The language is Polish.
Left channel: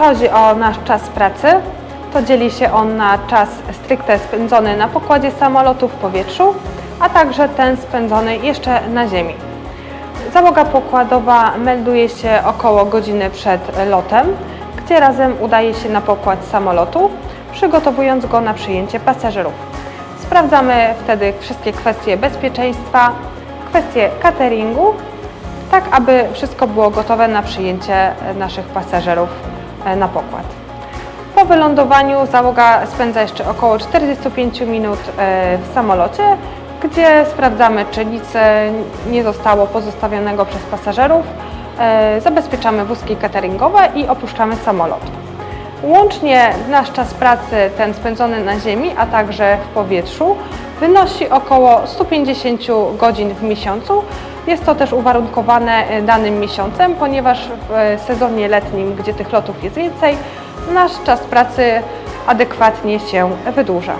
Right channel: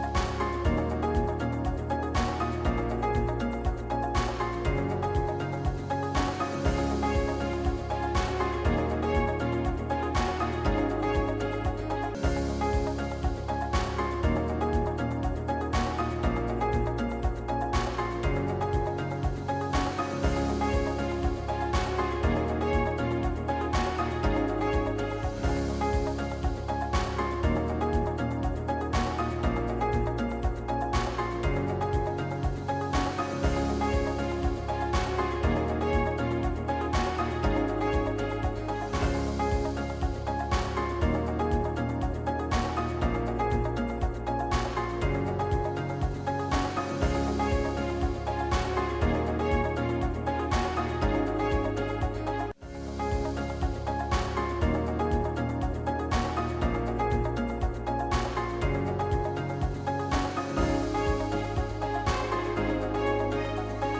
chodzi o nasz czas pracy, to dzieli się on na czas stricte spędzony na pokładzie samolotu w powietrzu, a także ten spędzony jeszcze na ziemi. Załoga pokładowa melduje się około godziny przed lotem, gdzie razem udaje się na pokład samolotu, przygotowując go na przyjęcie pasażerów. Sprawdzamy wtedy wszystkie kwestie bezpieczeństwa, kwestie cateringu, tak aby wszystko było gotowe na przyjęcie naszych pasażerów na pokład. Po wylądowaniu załoga spędza jeszcze około 45 minut e, w samolocie, gdzie sprawdzamy, czy nic e, nie zostało pozostawionego przez pasażerów. E, Zabezpieczamy wózki cateringowe i opuszczamy samolot. Łącznie nasz czas pracy, ten spędzony na ziemi, a także w powietrzu, wynosi około 150 godzin w miesiącu. Jest to też uwarunkowane e, danym miesiącem, ponieważ w e, sezonie letnim, gdzie tych lotów jest więcej, nasz czas pracy adekwatnie się wydłuża.